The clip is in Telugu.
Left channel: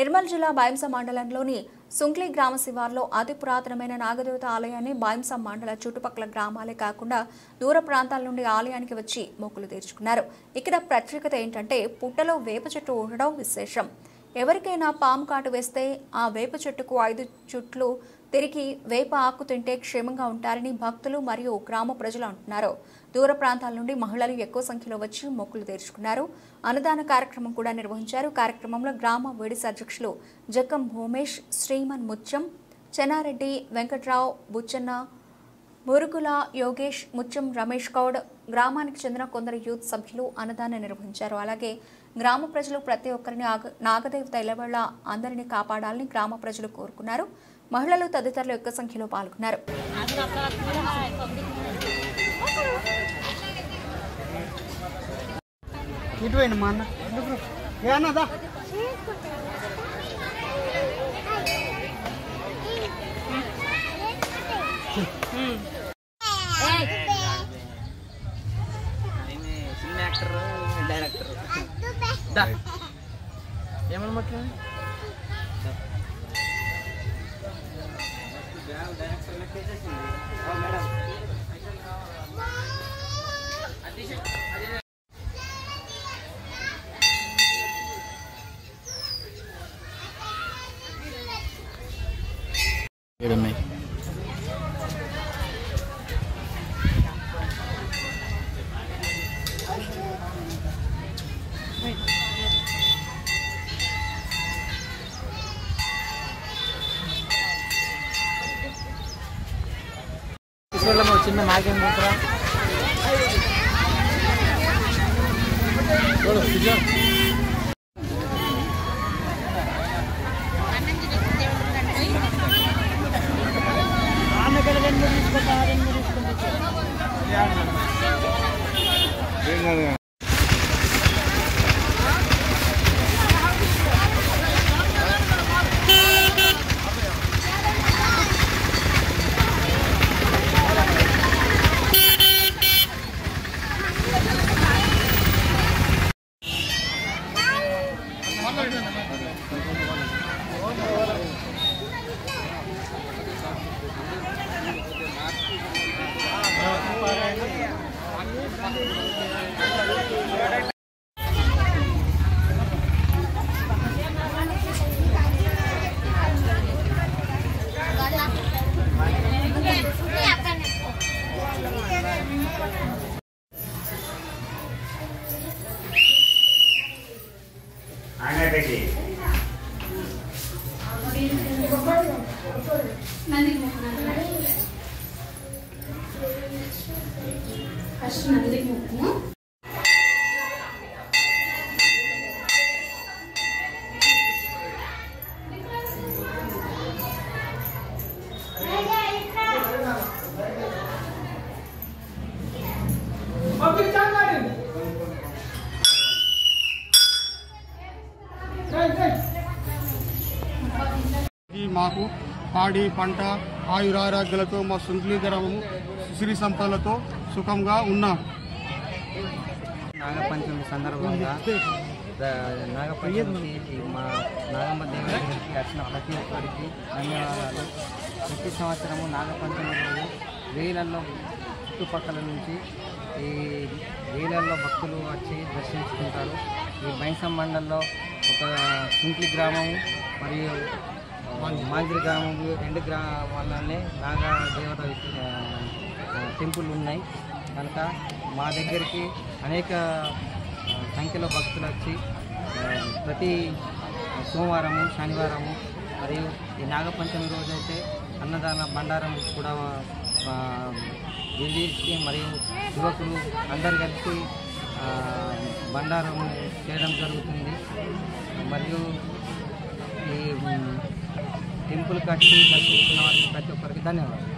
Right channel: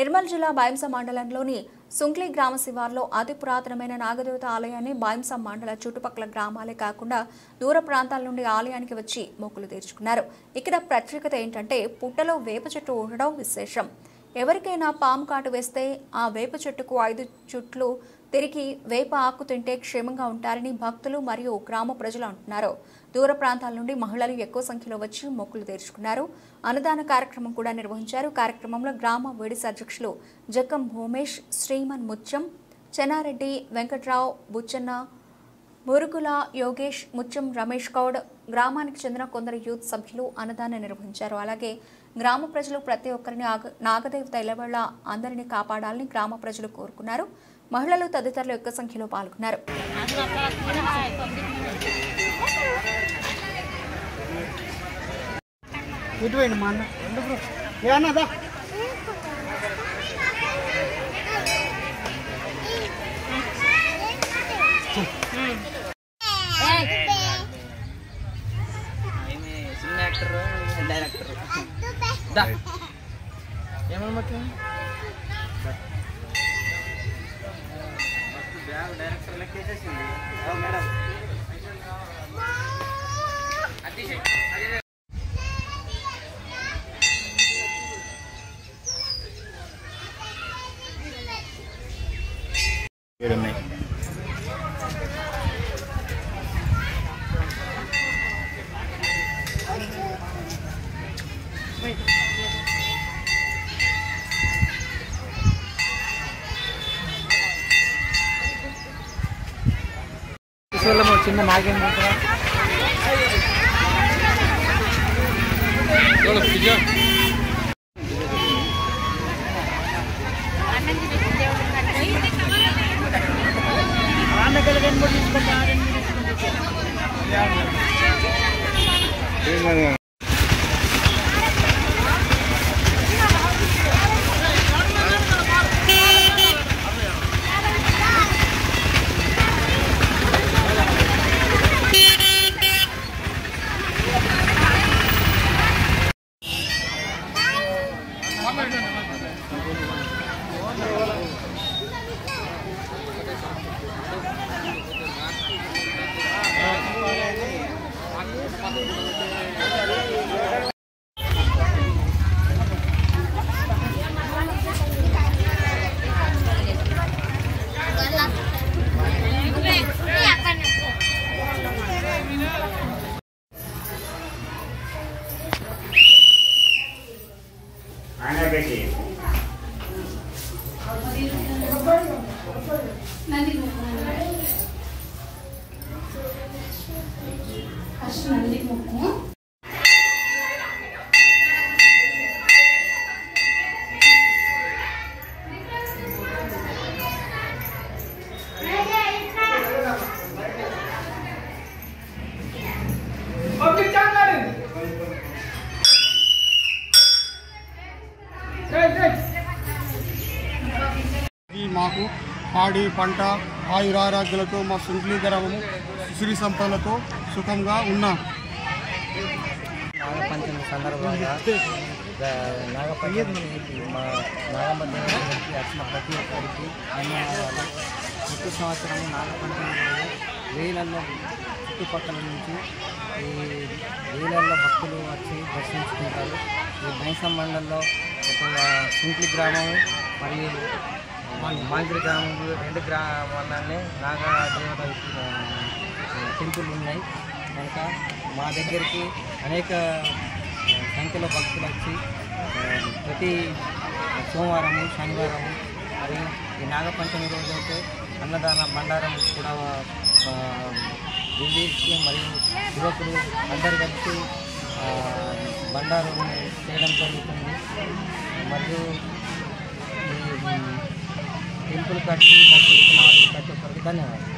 నిర్మల్ జిల్లా బాయంస మండలంలోని సుంక్లి గ్రామ శివార్లో అతి పురాతనమైన నాగదేవత ఆలయాన్ని బాయంస మండల చుట్టుపక్కల గ్రామాలే కాకుండా దూర ప్రాంతాల నుండి ఆలయానికి వచ్చి మొక్కులు తీర్చుకున్నారు. ఇక్కడ ప్రత్యేకత ఏంటంటే పుట్టలో వేప చెట్టు ఉండడం విశేషం. ఎవరికైనా పాము కాటు వేస్తే ఆ వేప చెట్టుకు 5 చుట్లు తిరిగి వేప ఆకు తింటే క్షేమంగా ఉంటారని భక్తులు మరియు గ్రామ ప్రజలు అంటున్నారు. దూర ప్రాంతాల నుండి మహిళలు ఎక్కువ సంఖ్యలో వచ్చి మొక్కులు తీర్చుకున్నారు. అన్నదాన కార్యక్రమం కూడా నిర్వహించారు. కార్యక్రమంలో గ్రామ వేడిసి అధ్యక్షులు జక్కం భూమేష్, శ్రీమన్ ముత్యం, చెన్నారెడ్డి, వెంకట్రావు, బుచ్చన్న, మురుగుల యోగేష్, ముత్యం రమేష్ గౌడ్, గ్రామానికి చెందిన కొందరు యూత్ సభ్యులు అన్నదానం నిర్వహించారు. అలాగే గ్రామ ప్రజలు ప్రతి ఒక్కరిని నాగదేవత ఎల్లవేళ అందరినీ కాపాడాలని గ్రామ ప్రజలు కోరుకున్నారు. మహిళలు తదితరులు ఎక్కువ సంఖ్యలో పాల్గొన్నారు. చిన్న నాగేం మాకు పాడి పంట ఆయురారోగ్యాలతో మా సుంక్లి గ్రామము సిరి సంపదలతో సుఖంగా ఉన్నాం. నాగపంచమి సందర్భంగా నాగపంచమికి మా నాగమ్మ దేవుడికి వచ్చిన ప్రతి ఒక్కరికి ధన్యవాదాలు. ప్రతి సంవత్సరము నాగపంచమి రోజు వేలల్లో చుట్టుపక్కల నుంచి ఈ వేలల్లో భక్తులు వచ్చి దర్శించుకుంటారు. ఈ బైంసం మండలంలో ఒక సుంక్లి గ్రామం మరియు మాగిరి గ్రామం 2 గ్రామాలనే నాగదేవత టెంపుల్ ఉన్నాయి కనుక మా దగ్గరికి అనేక సంఖ్యలో భక్తులు వచ్చి ప్రతి సోమవారము శనివారము మరియు ఈ నాగపంచమి రోజు అయితే అన్నదాన బండారం కూడా విధించి మరియు యువకులు అందరు కలిసి బండారం చేయడం జరుగుతుంది. మరియు ఈ టెంపుల్ కట్టి దర్శించిన ప్రతి ఒక్కరికి ధన్యవాదాలు.